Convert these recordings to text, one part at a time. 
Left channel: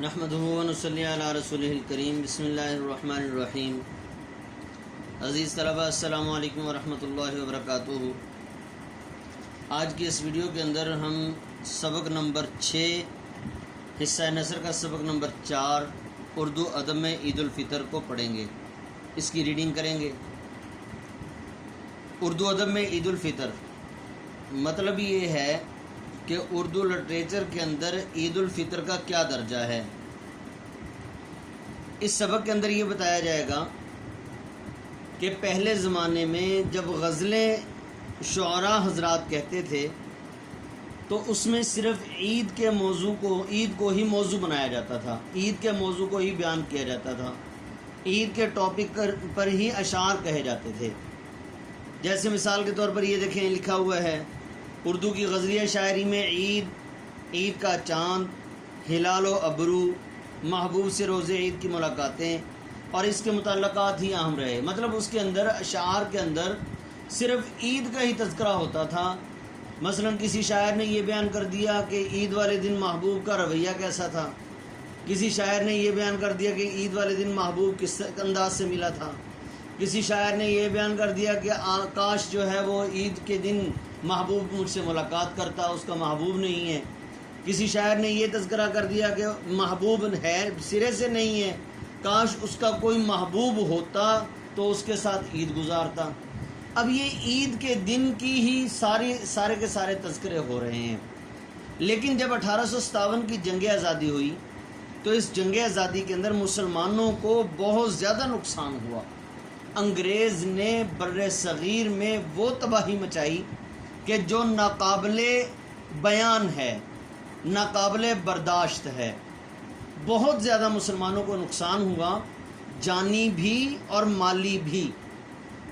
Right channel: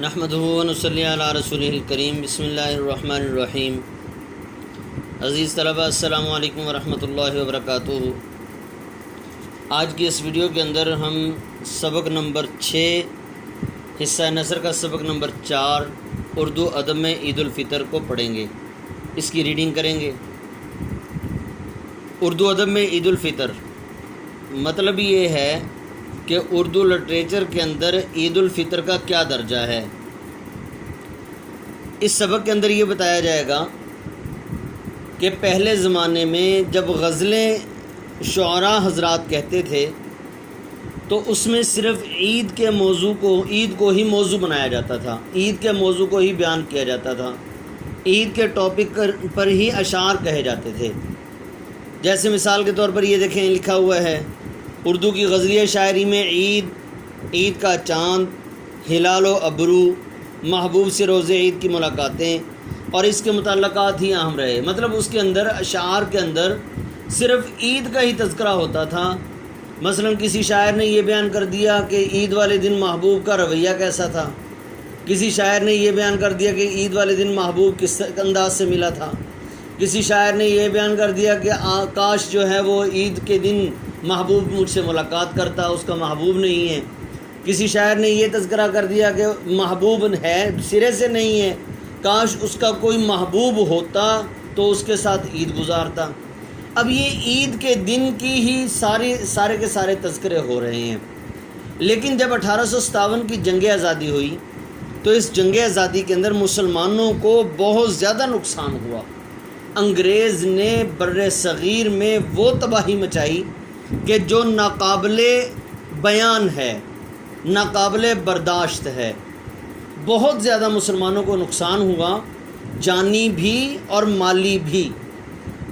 نحمدہ و نصلی علی رسولہ الکریم بسم اللہ الرحمن الرحیم۔ عزیز طلبہ السلام علیکم ورحمۃ اللہ وبرکاتہ۔ آج کی اس ویڈیو کے اندر ہم سبق نمبر 6 حصہ نثر کا سبق نمبر 4 اردو ادب میں عید الفطر کو پڑھیں گے، اس کی ریڈنگ کریں گے۔ اردو ادب میں عید الفطر مطلب یہ ہے کہ اردو لٹریچر کے اندر عید الفطر کا کیا درجہ ہے۔ اس سبق کے اندر یہ بتایا جائے گا کہ پہلے زمانے میں جب غزلیں شعراء حضرات کہتے تھے تو اس میں صرف عید کو ہی موضوع بنایا جاتا تھا، عید کے موضوع کو ہی بیان کیا جاتا تھا، عید کے ٹاپک پر ہی اشعار کہے جاتے تھے۔ جیسے مثال کے طور پر یہ دیکھیں، لکھا ہوا ہے اردو کی غزلیہ شاعری میں عید کا چاند، ہلال و ابرو، محبوب سے روز عید کی ملاقاتیں اور اس کے متعلقات ہی اہم رہے۔ مطلب اس کے اندر اشعار کے اندر صرف عید کا ہی تذکرہ ہوتا تھا۔ مثلا کسی شاعر نے یہ بیان کر دیا کہ عید والے دن محبوب کا رویہ کیسا تھا، کسی شاعر نے یہ بیان کر دیا کہ عید والے دن محبوب کس انداز سے ملا تھا، کسی شاعر نے یہ بیان کر دیا کہ کاش جو ہے وہ عید کے دن محبوب مجھ سے ملاقات کرتا، اس کا محبوب نہیں ہے۔ کسی شاعر نے یہ تذکرہ کر دیا کہ محبوب ہے سرے سے نہیں ہے، کاش اس کا کوئی محبوب ہوتا تو اس کے ساتھ عید گزارتا۔ اب یہ عید کے دن کی ہی سارے کے سارے تذکرے ہو رہے ہیں۔ لیکن جب 1857 کی جنگ آزادی ہوئی تو اس جنگ آزادی کے اندر مسلمانوں کو بہت زیادہ نقصان ہوا۔ انگریز نے بر صغیر میں وہ تباہی مچائی کہ جو ناقابل بیان ہے، ناقابل برداشت ہے۔ بہت زیادہ مسلمانوں کو نقصان ہوا، جانی بھی اور مالی بھی۔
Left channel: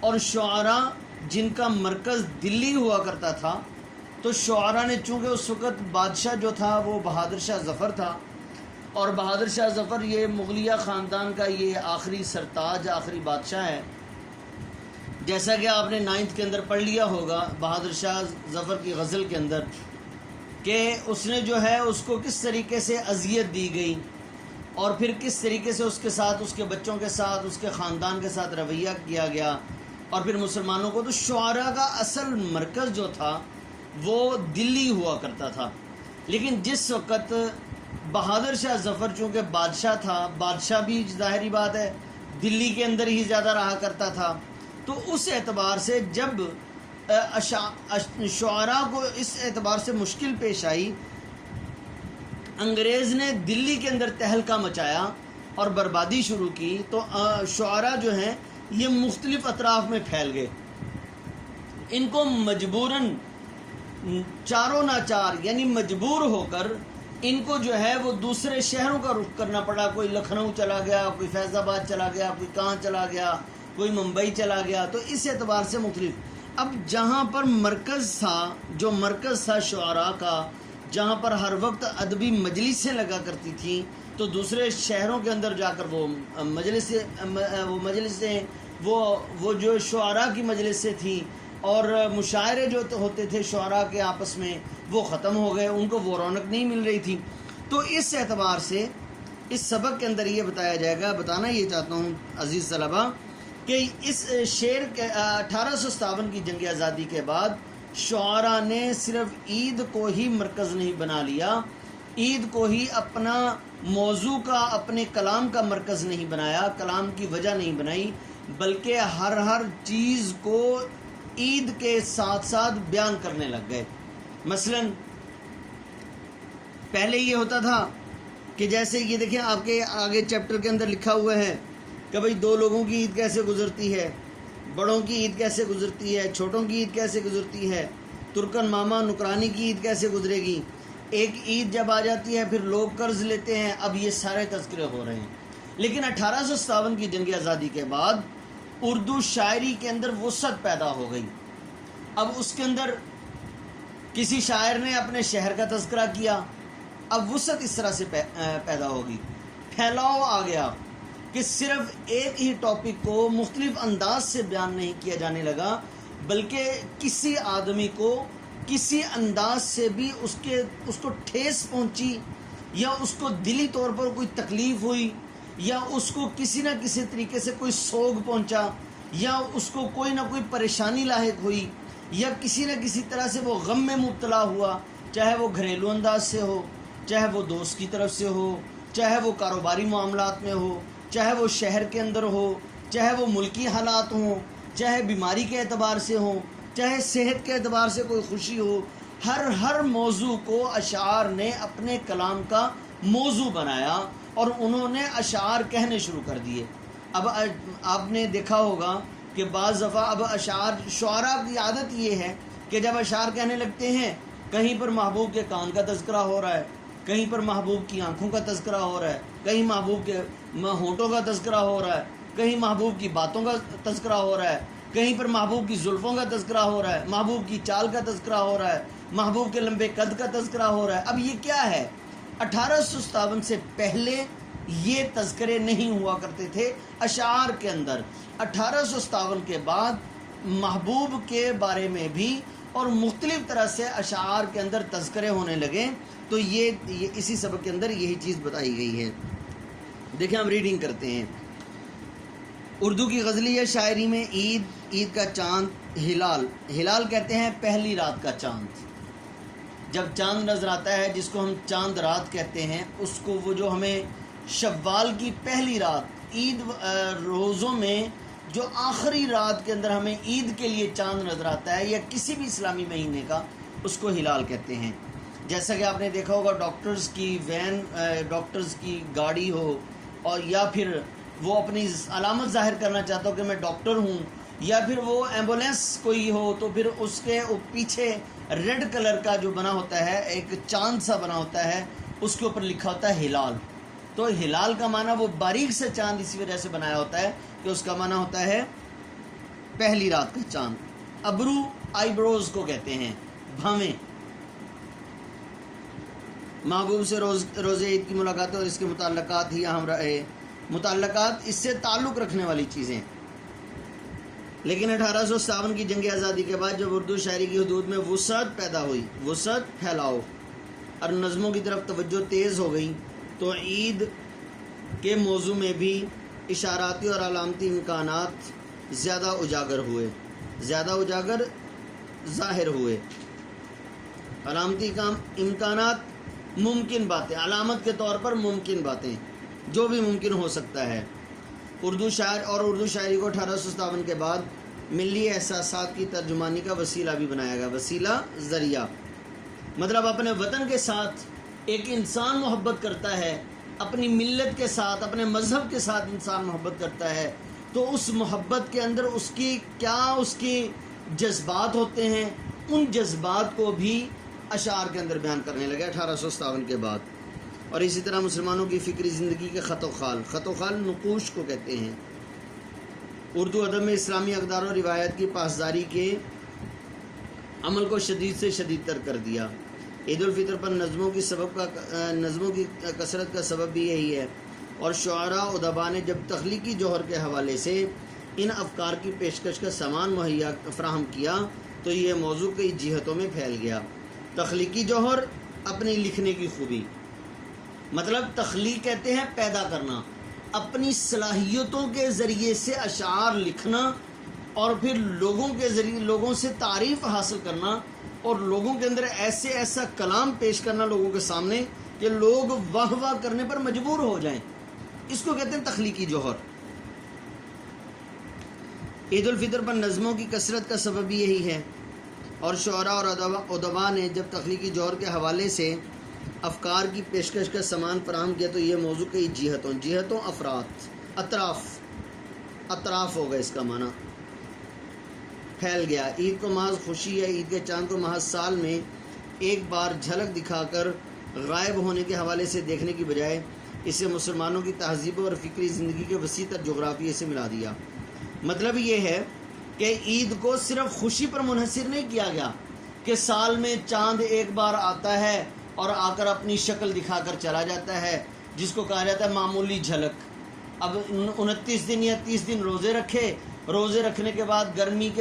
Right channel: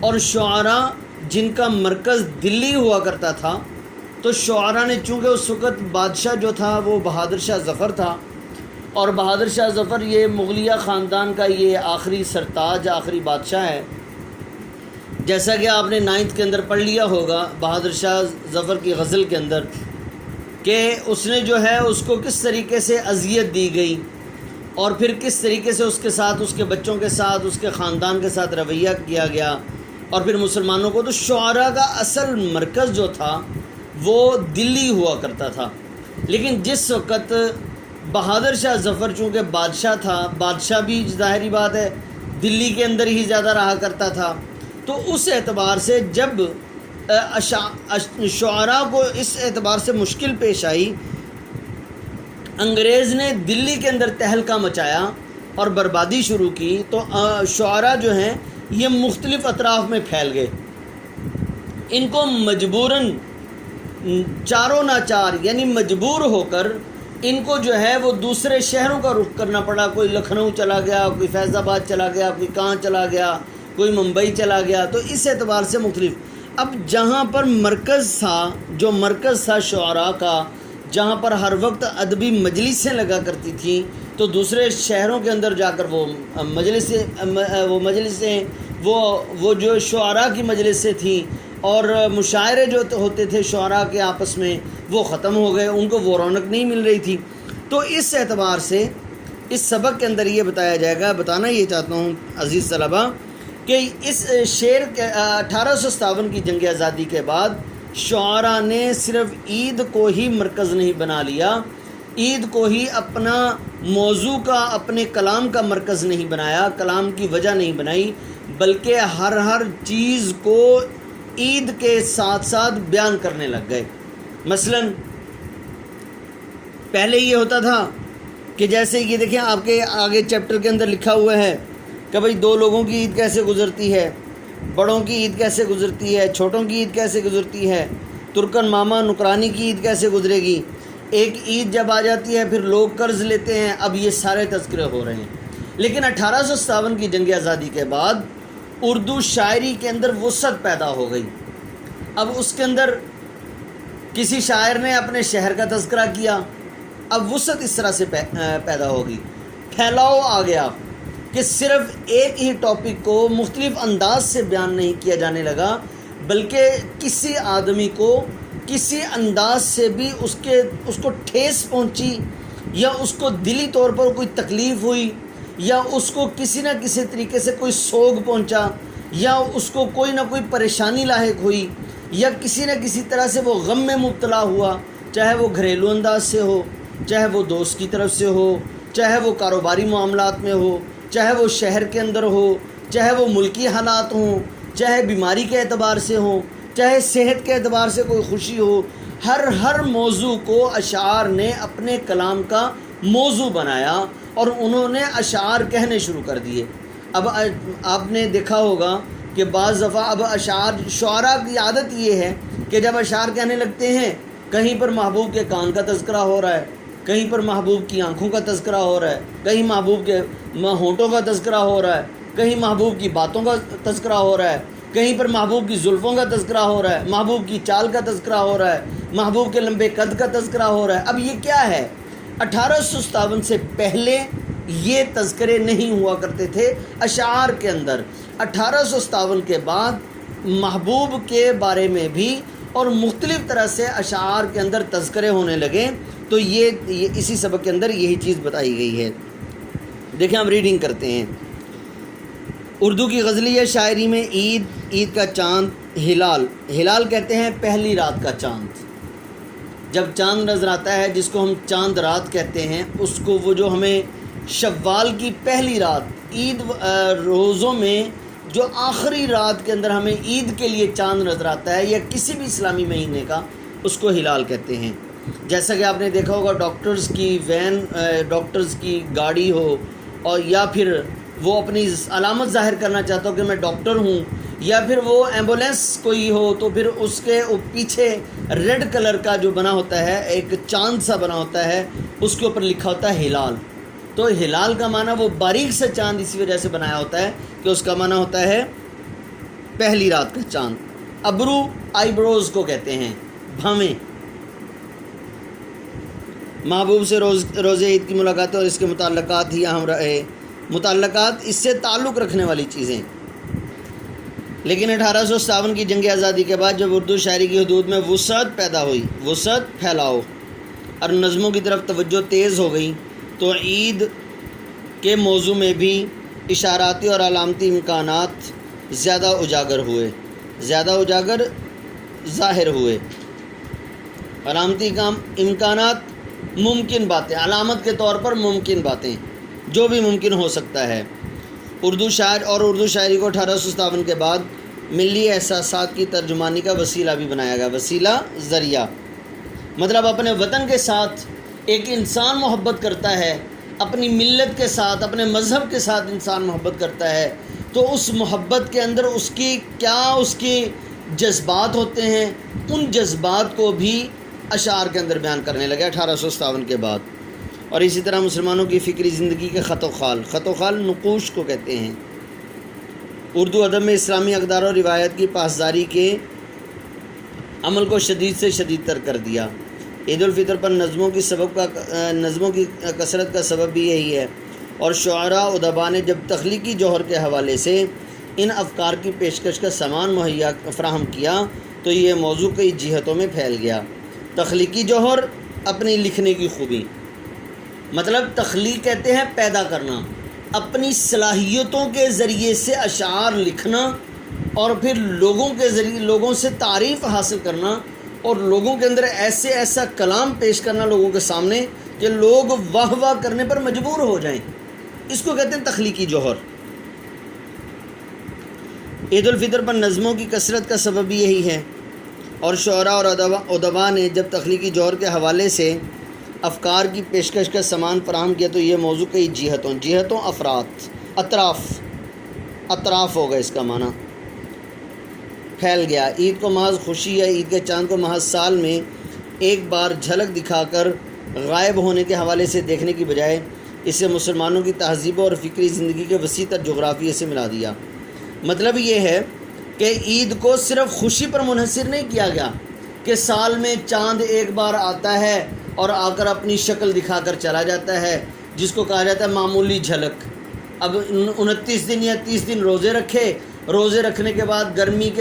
اور شعراء جن کا مرکز دلی ہوا کرتا تھا، تو شعراء نے چونکہ اس وقت بادشاہ جو تھا وہ بہادر شاہ ظفر تھا، اور بہادر شاہ ظفر یہ مغلیہ خاندان کا یہ آخری سرتاج، آخری بادشاہ ہے۔ جیسا کہ آپ نے 9th کے اندر پڑھ لیا ہوگا بہادر شاہ ظفر کی غزل کے اندر کہ اس نے جو ہے اس کو کس طریقے سے اذیت دی گئی اور پھر کس طریقے سے اس کے ساتھ، اس کے بچوں کے ساتھ، اس کے خاندان کے ساتھ رویہ کیا گیا، اور پھر مسلمانوں کو۔ تو شعراء کا اصل مرکز جو تھا وہ دلی ہوا کرتا تھا۔ لیکن جس وقت بہادر شاہ ظفر چونکہ بادشاہ تھا، بادشاہ بھی ظاہری بات ہے دلی کے اندر ہی زیادہ رہا کرتا تھا، تو اس اعتبار سے جب شعراء کو اس اعتبار سے مشکل پیش آئی، انگریز نے دلی کے اندر تہلکہ مچایا اور بربادی شروع کی، تو شعراء جو ہیں یہ مختلف اطراف میں پھیل گئے۔ ان کو مجبوراً چاروں ناچار یعنی مجبور ہو کر ان کو جو ہے وہ دوسرے شہروں کا رخ کرنا پڑا۔ کوئی لکھنؤ چلا گیا، کوئی فیض آباد چلا گیا، کوئی کہاں چلا گیا، کوئی ممبئی چلا گیا۔ تو اس اعتبار سے مختلف۔ اب جہاں پر مرکز تھا شعراء کا، جہاں پر ہر وقت ادبی مجلسیں لگا کرتی تھیں، تو دوسرے شہروں کے اندر جا کر وہ مجلسیں وہ جو شعراء کی مجلسیں تھیں اور مشاعرے جو ہوتے تھے شعراء کے آپس میں، وہ ختم ہو گئے، ان کو وہ رونق نہیں مل رہی تھی۔ تو اس اعتبار سے اس سبق کے اندر یہ بتایا جائے گا، بتانا یہ چاہتا ہوں عزیز طلبہ کہ اس شعر کے 1857 کی جنگ آزادی کے بعد شعراء نے صرف عید کو ہی مرکز نہیں بنا لیا، عید کو ہی اپنا موضوع کا، اپنے کلام کا مرکز نہیں بنایا، کلام کی وجہ نہیں بنائی، بلکہ ہر چیز کو عید کے ساتھ ساتھ بیان کرنے لگ گئے۔ مثلا پہلے یہ ہوتا تھا کہ جیسے یہ دیکھیں آپ کے آگے چیپٹر کے اندر لکھا ہوا ہے کہ بھئی دو لوگوں کی عید کیسے گزرتی ہے، بڑوں کی عید کیسے گزرتی ہے، چھوٹوں کی عید کیسے گزرتی ہے، ترکن ماما نکرانی کی عید کیسے گزرے گی۔ ایک عید جب آ جاتی ہے پھر لوگ قرض لیتے ہیں، اب یہ سارے تذکرے ہو رہے ہیں۔ لیکن 1857 کی جنگ آزادی کے بعد اردو شاعری کے اندر وسعت پیدا ہو گئی۔ اب اس کے اندر کسی شاعر نے اپنے شہر کا تذکرہ کیا، اب وسعت اس طرح سے پیدا ہوگی، پھیلاؤ آ گیا کہ صرف ایک ہی ٹاپک کو مختلف انداز سے بیان نہیں کیا جانے لگا، بلکہ کسی آدمی کو کسی انداز سے بھی اس کو ٹھیس پہنچی، یا اس کو دلی طور پر کوئی تکلیف ہوئی، یا اس کو کسی نہ کسی طریقے سے کوئی سوگ پہنچا، یا اس کو کوئی نہ کوئی پریشانی لاحق ہوئی، یا کسی نہ کسی طرح سے وہ غم میں مبتلا ہوا، چاہے وہ گھریلو انداز سے ہو، چاہے وہ دوست کی طرف سے ہو، چاہے وہ کاروباری معاملات میں ہو، چاہے وہ شہر کے اندر ہو، چاہے وہ ملکی حالات ہوں، چاہے بیماری کے اعتبار سے ہوں، چاہے صحت کے اعتبار سے کوئی خوشی ہو، ہر موضوع کو اشعار نے اپنے کلام کا موضوع بنایا اور انہوں نے اشعار کہنے شروع کر دیے۔ اب آپ نے دیکھا ہوگا کہ بعض دفعہ اب شعراء کی عادت یہ ہے کہ جب اشعار کہنے لگتے ہیں، کہیں پر محبوب کے کان کا تذکرہ ہو رہا ہے، کہیں پر محبوب کی آنکھوں کا تذکرہ ہو رہا ہے، کہیں محبوب کے ہونٹوں کا تذکرہ ہو رہا ہے، کہیں محبوب کی باتوں کا تذکرہ ہو رہا ہے، کہیں پر محبوب کی زلفوں کا تذکرہ ہو رہا ہے، محبوب کی چال کا تذکرہ ہو رہا ہے، محبوب کے لمبے قد کا تذکرہ ہو رہا ہے۔ اب یہ کیا ہے؟ 1857 سے پہلے یہ تذکرے نہیں ہوا کرتے تھے اشعار کے اندر۔ 1857 کے بعد محبوب کے بارے میں بھی اور مختلف طرح سے اشعار کے اندر تذکرے ہونے لگے، تو یہ اسی سبق کے اندر یہی چیز بتائی گئی ہے۔ دیکھیں ہم ریڈنگ کرتے ہیں۔ اردو کی غزلیہ شاعری میں عید کا چاند، ہلال کہتے ہیں پہلی رات کا چاند۔ جب چاند نظر آتا ہے جس کو ہم چاند رات کہتے ہیں، اس کو وہ جو ہمیں شوال کی پہلی رات، عید روزوں میں جو آخری رات کے اندر ہمیں عید کے لیے چاند نظر آتا ہے یا کسی بھی اسلامی مہینے کا، اس کو ہلال کہتے ہیں۔ جیسا کہ آپ نے دیکھا ہوگا ڈاکٹرز کی وین، ڈاکٹرز کی گاڑی ہو، اور یا پھر وہ اپنی علامت ظاہر کرنا چاہتا ہو کہ میں ڈاکٹر ہوں، یا پھر وہ ایمبولینس کوئی ہو تو پھر اس کے پیچھے ریڈ کلر کا جو بنا ہوتا ہے، ایک چاند سا بنا ہوتا ہے، اس کے اوپر لکھا ہوتا ہے ہلال۔ تو ہلال کا معنی وہ باریک سے چاند اسی وجہ سے بنایا ہوتا ہے کہ اس کا معنی ہوتا ہے پہلی رات کا چاند۔ ابرو، آئی بروز کو کہتے ہیں، بھاویں۔ محبوب سے روز عید کی ملاقات اور اس کے متعلقات ہی اہم رہے، متعلقات اس سے تعلق رکھنے والی چیزیں۔ لیکن 1857 کی جنگ آزادی کے بعد جب اردو شاعری کی حدود میں وسعت پیدا ہوئی، وسعت، پھیلاؤ اور نظموں کی طرف توجہ تیز ہو گئی، تو عید کے موضوع میں بھی اشاراتی اور علامتی امکانات زیادہ اجاگر ظاہر ہوئے۔ علامتی امکانات، ممکن باتیں، علامت کے طور پر ممکن باتیں، جو بھی ممکن ہو سکتا ہے۔ اردو شاعر اور اردو شاعری کو 1857 کے بعد ملی احساسات کی ترجمانی کا وسیلہ بھی بنایا گیا۔ وسیلہ، ذریعہ، مطلب اپنے وطن کے ساتھ ایک انسان محبت کرتا ہے، اپنی ملت کے ساتھ، اپنے مذہب کے ساتھ انسان محبت کرتا ہے، تو اس محبت کے اندر اس کی جذبات ہوتے ہیں، ان جذبات کو بھی اشعار کے اندر بیان کرنے لگے 1857 کے بعد۔ اور اسی طرح مسلمانوں کی فکری زندگی کے خط و خال نقوش کو کہتے ہیں۔ اردو ادب میں اسلامی اقدار و روایت کی پاسداری کے عمل کو شدید سے شدید تر کر دیا۔ عید الفطر پر نظموں کی کثرت کا سبب بھی یہی ہے، اور شعراء ادباء نے جب تخلیقی جوہر کے حوالے سے ان افکار کی پیشکش کا سامان مہیا فراہم کیا تو یہ موضوع کئی جہتوں میں پھیل گیا۔ تخلیقی جوہر، اپنی لکھنے کی خوبی، مطلب تخلیق کہتے ہیں پیدا کرنا، اپنی صلاحیتوں کے ذریعے سے اشعار لکھنا، اور پھر لوگوں سے تعریف حاصل کرنا، اور لوگوں کے اندر ایسا کلام پیش کرنا لوگوں کے سامنے کہ لوگ واہ واہ کرنے پر مجبور ہو جائیں، اس کو کہتے ہیں تخلیقی جوہر۔ عید الفطر پر نظموں کی کثرت کا سبب بھی یہی ہے، اور شعراء اور ادباء نے جب تخلیقی جوہر کے حوالے سے افکار کی پیشکش کا سامان فراہم کیا تو یہ موضوع کئی جہتوں اطراف ہوگا، اس کا معنی پھیل گیا۔ عید کو محض خوشی یا عید کے چاند کو محض سال میں ایک بار جھلک دکھا کر غائب ہونے کے حوالے سے دیکھنے کی بجائے اسے مسلمانوں کی تہذیب اور فکری زندگی کے وسیع تر جغرافیے سے ملا دیا۔ مطلب یہ ہے کہ عید کو صرف خوشی پر منحصر نہیں کیا گیا کہ سال میں چاند ایک بار آتا ہے اور آ کر اپنی شکل دکھا کر چلا جاتا ہے، جس کو کہا جاتا ہے معمولی جھلک۔ اب 29 دن یا 30 دن روزے رکھنے کے بعد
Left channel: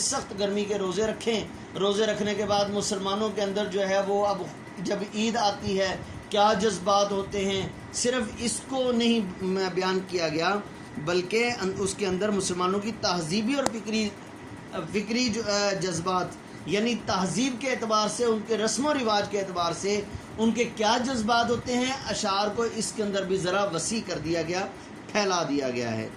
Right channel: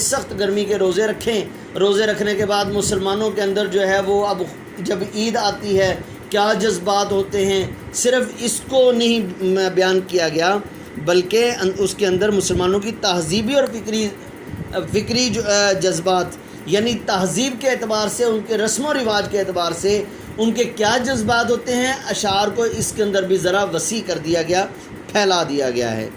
سخت گرمی کے روزے رکھیں، روزے رکھنے کے بعد مسلمانوں کے اندر جو ہے وہ اب جب عید آتی ہے کیا جذبات ہوتے ہیں، صرف اس کو نہیں بیان کیا گیا بلکہ اس کے اندر مسلمانوں کی تہذیبی اور فکری جذبات، یعنی تہذیب کے اعتبار سے، ان کے رسم و رواج کے اعتبار سے ان کے کیا جذبات ہوتے ہیں، اشعار کو اس کے اندر بھی ذرا وسیع کر دیا گیا، پھیلا دیا گیا ہے۔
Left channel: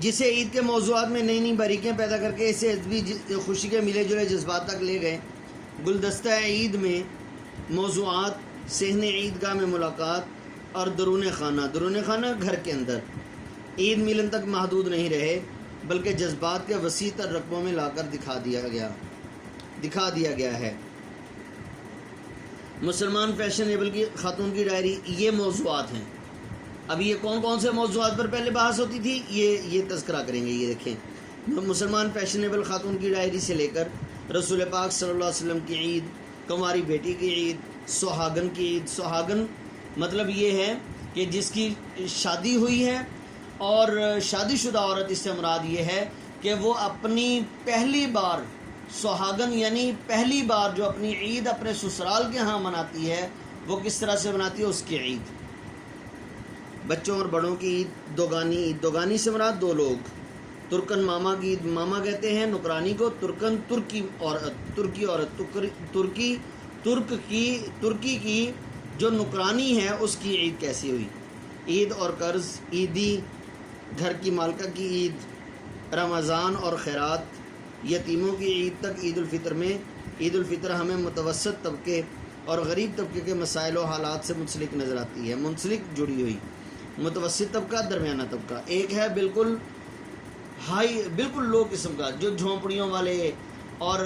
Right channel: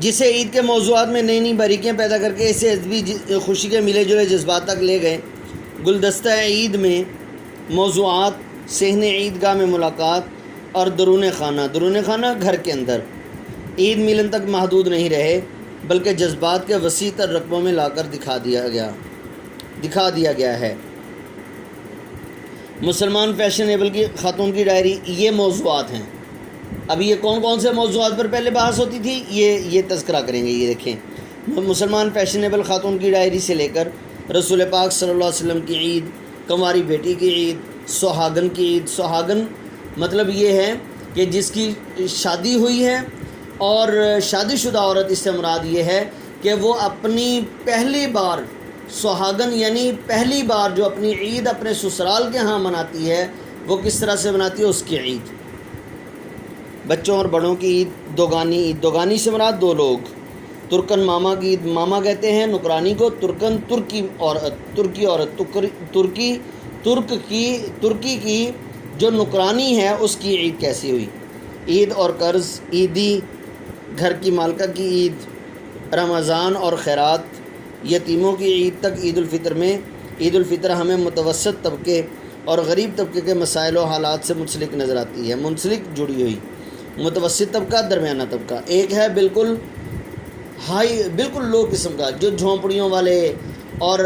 جسے عید کے موضوعات میں نئی نئی باریکیاں پیدا کر کے اسے ادبی خوشی کے ملے جلے جذبات تک لے گئے۔ گلدستہ عید میں موضوعات صحن عیدگاہ میں ملاقات اور درون خانہ گھر کے اندر عید ملن تک محدود نہیں رہے، بلکہ جذبات کے وسیع تر رقبوں میں لا کر دکھا دیا گیا ہے۔ مسلمان فیشنیبل کی خاتون کی ڈائری، یہ موضوعات ہیں۔ اب یہ کون سے موضوعات پر پہلے بحث ہوتی تھی، یہ تذکرہ کریں گے۔ یہ دیکھیں، مسلمان فیشنیبل خاتون کی ڈائری سے لے کر رسول پاک صلی اللہ علیہ وسلم کی عید، کنواری بیٹی کی عید، سہاگن کی عید۔ سہاگن مطلب یہ ہے کہ جس کی شادی ہوئی ہے، اور شادی شدہ عورت اس سے مراد یہ ہے کہ وہ اپنی پہلی بار، سہاگن یعنی پہلی بار جو اپنی عید اپنے سسرال کے ہاں مناتی ہے، وہ کس طرح سے مناتی ہے، اس کی عید۔ بچوں اور بڑوں کی عید دوگانی، عید دوگانی سے مراد دو لوگ۔ ترکن ماما کی عید، ماما کہتے ہیں نکرانی کو، ترکن ترکی عورت، ترکی کی جو نکرانی ہے اس کی عید کیسی ہوئی۔ عید اور قرض، عیدی، گھر کی مالکہ کی عید، رمضان اور خیرات، یتیموں کی عید تک عید الفطر میں۔ عید الفطر ہمیں متوسط طبقے اور غریب طبقے کے مسائل و حالات سے منسلک نظر آتی ہے، منسلک جڑی ہوئی۔ متوسط طبقہ، درمیانہ طبقہ، ایک ہے بالکل لو قسم کا، جو جھونپڑیوں والے اور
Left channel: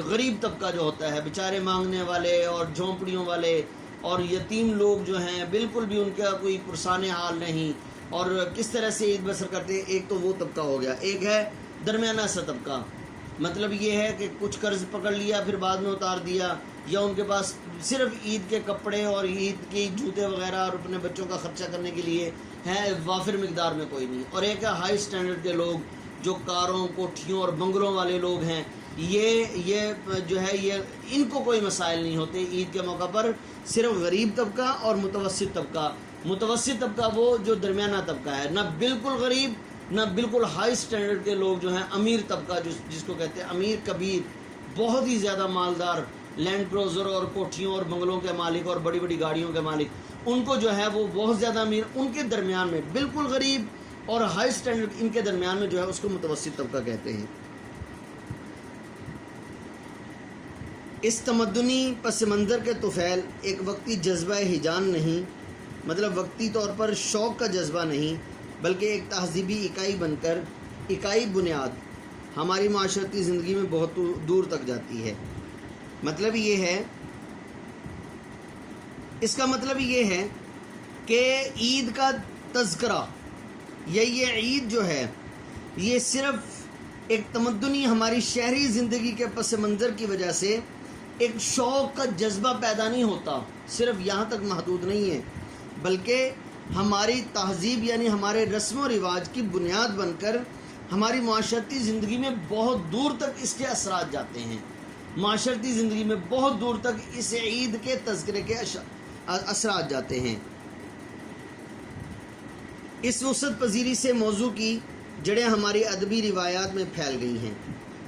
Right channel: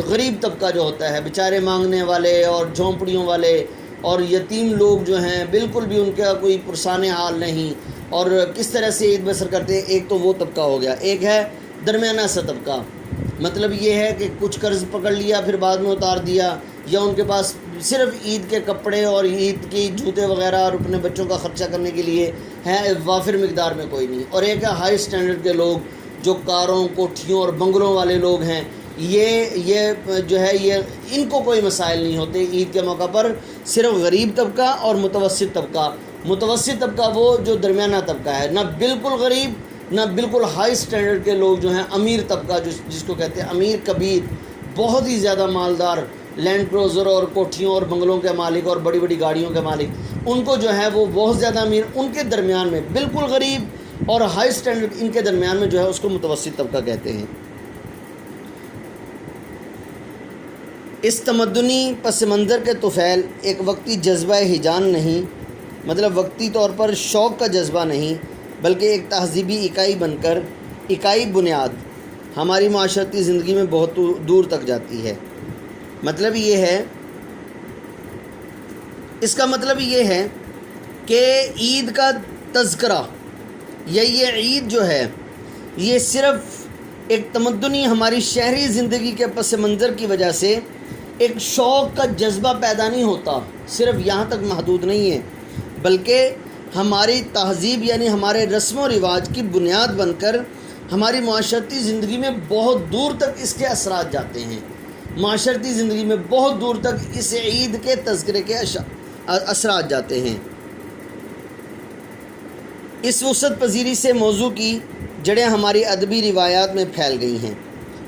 غریب طبقہ جو ہوتا ہے، بیچارے مانگنے والے اور جھونپڑیوں والے اور یتیم لوگ جو ہیں، بالکل بھی ان کا کوئی پرسان حال نہیں، اور کس طرح سے عید بسر کرتے ہیں۔ ایک تو وہ طبقہ ہو گیا، ایک ہے درمیانہ سا طبقہ، مطلب یہ ہے کہ کچھ قرض پکڑ لیا پھر بعد میں اتار دیا، یا ان کے پاس صرف عید کے کپڑے اور عید کی جوتے وغیرہ اور اپنے بچوں کا خرچہ کرنے کے لیے ہے، وافر مقدار میں کوئی نہیں۔ اور ایک ہے ہائی سٹینڈرڈ کے لوگ، جو کاروں، کوٹھیوں اور بنگلوں والے لوگ ہیں، یہ جو ہے یہ ان کو کوئی مسائل نہیں ہوتے عید کے موقع پر، صرف غریب طبقہ اور متوسط طبقہ۔ متوسط طبقہ وہ جو درمیانہ طبقہ ہے، نہ بالکل غریب نہ بالکل ہائی سٹینڈرڈ کے لوگ جو ہیں، امیر طبقہ جس کو کہتے ہیں امیر کبیر، بہت ہی زیادہ مالدار، لینڈ کروزر اور کوٹھیوں اور بنگلوں کے مالک اور بڑی بڑی گاڑیوں کے مالک، ان کو جو ہے وہ بہت زیادہ امیر، ان کے درمیان میں بالکل غریب اور ہائی سٹینڈرڈ، ان کے درمیان میں جو ہے اس کو متوسط طبقہ کہتے ہیں۔ اس تمدنی پس منظر کے طفیل ایک وقتی جذبہ ہیجان نہیں، مطلب وقتی طور پر شوق کا جذبہ نہیں، بلکہ ایک تہذیبی اکائی بن کر، اکائی بنیاد ہماری معاشرتی زندگی میں بہت دور تک جاتی ہے۔ مطلب یہ ہے، اس کا مطلب یہ ہے کہ عید کا تذکرہ یا یہ عید جو ہے، یہ صرف ایک تمدنی ہماری شہری زندگی کے پس منظر کی وجہ سے ایک شوق کا جذبہ پیدا نہیں ہوتا، صرف یہاں تک محدود نہیں ہے، بلکہ ہماری تہذیب یعنی ہمارے رسم و رواج کی بنیاد بن کر ہماری معاشرتی زندگی میں بہت دور تک اس کے اثرات جاتے ہیں۔ معاشرتی زندگی میں بہت دور تک اس عید کے تذکرے کے اثرات جاتے ہیں۔ اس وسعت پذیری سے موضوع کی جڑیں ہماری ادبی روایات میں پھیل گئی ہیں۔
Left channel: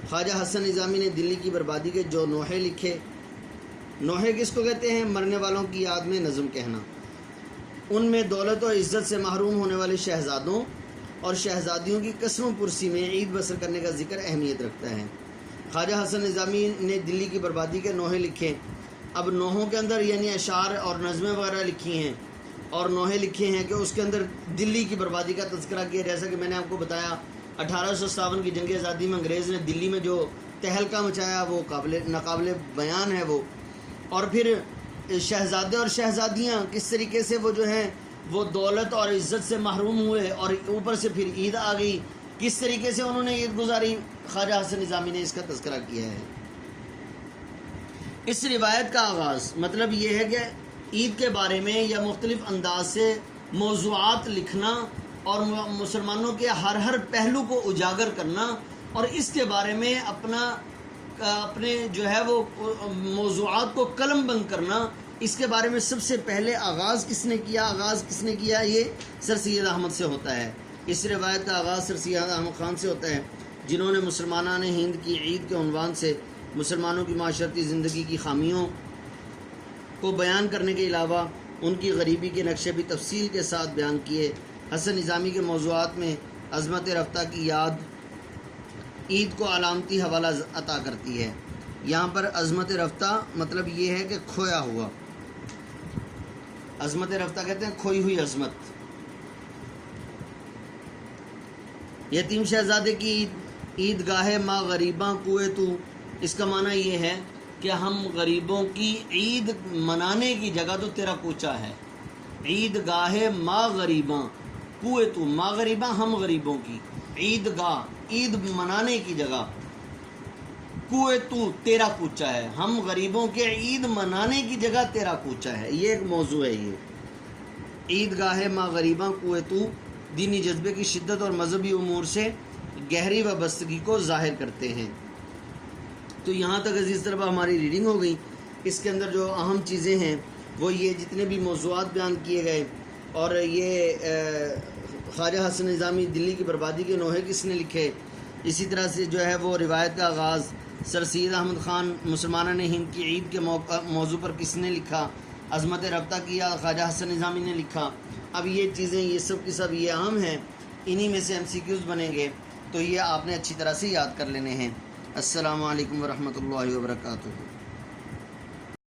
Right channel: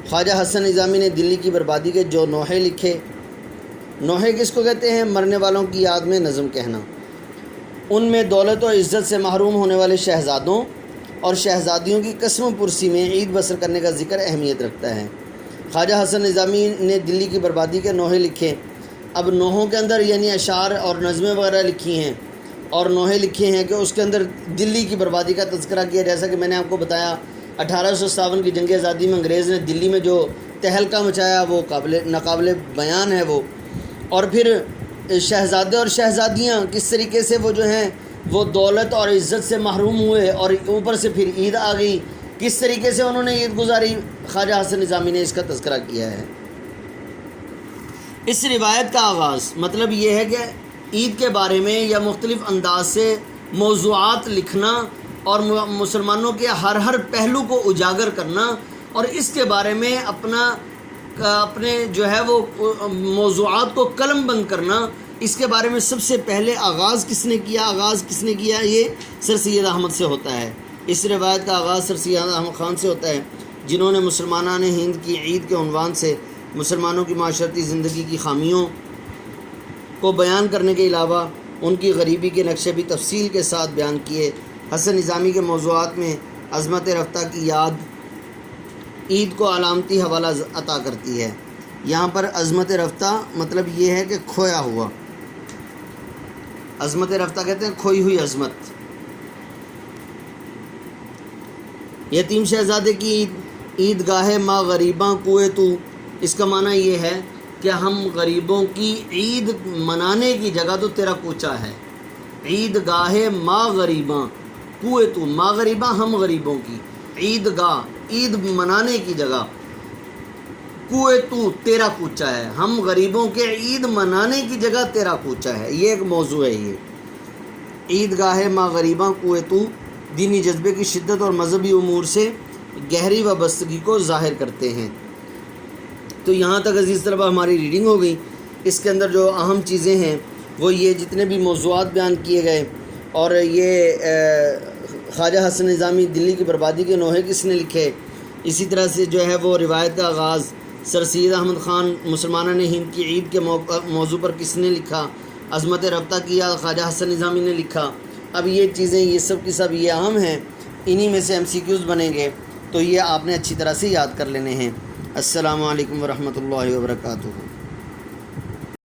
خواجہ حسن نظامی نے دلی کی بربادی کے جو نوحے لکھے، نوحے کس کو کہتے ہیں؟ مرنے والوں کی یاد میں نظم کہنا۔ ان میں دولت و عزت سے محروم ہونے والے شہزادوں اور شہزادیوں کی قسم پرسی میں عید بسر کرنے کا ذکر اہمیت رکھتا ہے۔ خواجہ حسن نظامی نے دلی کی بربادی کے نوحے لکھے۔ اب نوحوں کے اندر یعنی اشعار اور نظمیں وغیرہ لکھی ہیں، اور نوحے لکھے ہیں کہ اس کے اندر دلی کی بربادی کا تذکرہ کیا، جیسا کہ میں نے آپ کو بتایا 1857 کی جنگ آزادی میں انگریز نے دلی میں جو تہلکہ مچایا وہ ناقابل بیان ہے وہ۔ اور پھر شہزادے اور شہزادیاں کس طریقے سے وہ جو ہیں وہ دولت اور عزت سے محروم ہوئے، اور اوپر سے پھر عید آ گئی، کس طریقے سے انہوں نے عید گزاری، خواجہ حسن نظامی نے اس کا تذکرہ کیا ہے۔ اس روایت کا آغاز مطلب یہ ہے کہ عید کے بارے میں یا مختلف انداز سے موضوعات لکھنا اور مسلمانوں کے ہر پہلو کو اجاگر کرنا اور اس کے بارے میں اپنے جو ہے وہ موضوعات کو قلم بند کرنا، اس کے بارے میں سب سے پہلے آغاز کس نے کیا؟ یہ سر سید احمد سے ہوتا ہے۔ اس روایت کا آغاز سر سید احمد خان سے ہوتا ہے، جنہوں نے مسلمانان ہند کی عید کے عنوان سے مسلمانوں کی معاشرتی زندگی کی خامیوں کو بیان کرنے کے علاوہ ان کی غریبی کے نقشے بھی تفصیل کے ساتھ بیان کیے۔ حسن نظامی کے موضوعات میں عظمت رفتہ کی یاد عید کو علامتی حوالہ عطا کرتی ہے۔ یہاں پر عظمت رفتہ مطلب یہ ہے کہ کھویا ہوا، عظمت رفتہ کہتے ہیں کھوئی ہوئی عظمت۔ یتیم شہزادے کی عید گاہ ماں غریباں کوئے تو، اس کا معنی یہ ہے کہ ہم غریبوں کی عید منانے کی جگہ تو تیرا کوچہ ہے۔ عید گاہ ماں غریباں کوئے تو، ماں غریباں ہم غریبوں کی، عید گاہ عید منانے کی جگہ، کوئے تو تیرا کوچہ ہے، ہم غریبوں کے عید منانے کی جگہ تیرا کوچہ ہے۔ یہ ایک موضوع ہے۔ یہ عید گاہ ماں غریباں کوئے تو دینی جذبے کی شدت اور مذہبی امور سے گہری وابستگی کو ظاہر کرتے ہیں۔ تو یہاں تک عزیز طلبہ ہماری ریڈنگ ہو گئی۔ اس کے اندر جو اہم چیزیں ہیں وہ یہ جتنے بھی موضوعات بیان کیے گئے، اور یہ خواجہ حسن نظامی دلی کی بربادی کے نوحے کس نے لکھے، اسی طرح سے جو ہے وہ روایت کا آغاز سر سید احمد خان مسلمانوں نے ہند کی عید کے موضوع پر کس نے لکھا، عظمت رفتہ کیا خواجہ حسن نظامی نے لکھا۔ اب یہ چیزیں یہ سب کی سب یہ اہم ہیں، انہی میں سے MCQs بنیں گے، تو یہ آپ نے اچھی طرح سے یاد کر لینے ہیں۔ السلام علیکم ورحمۃ اللہ وبرکاتہ۔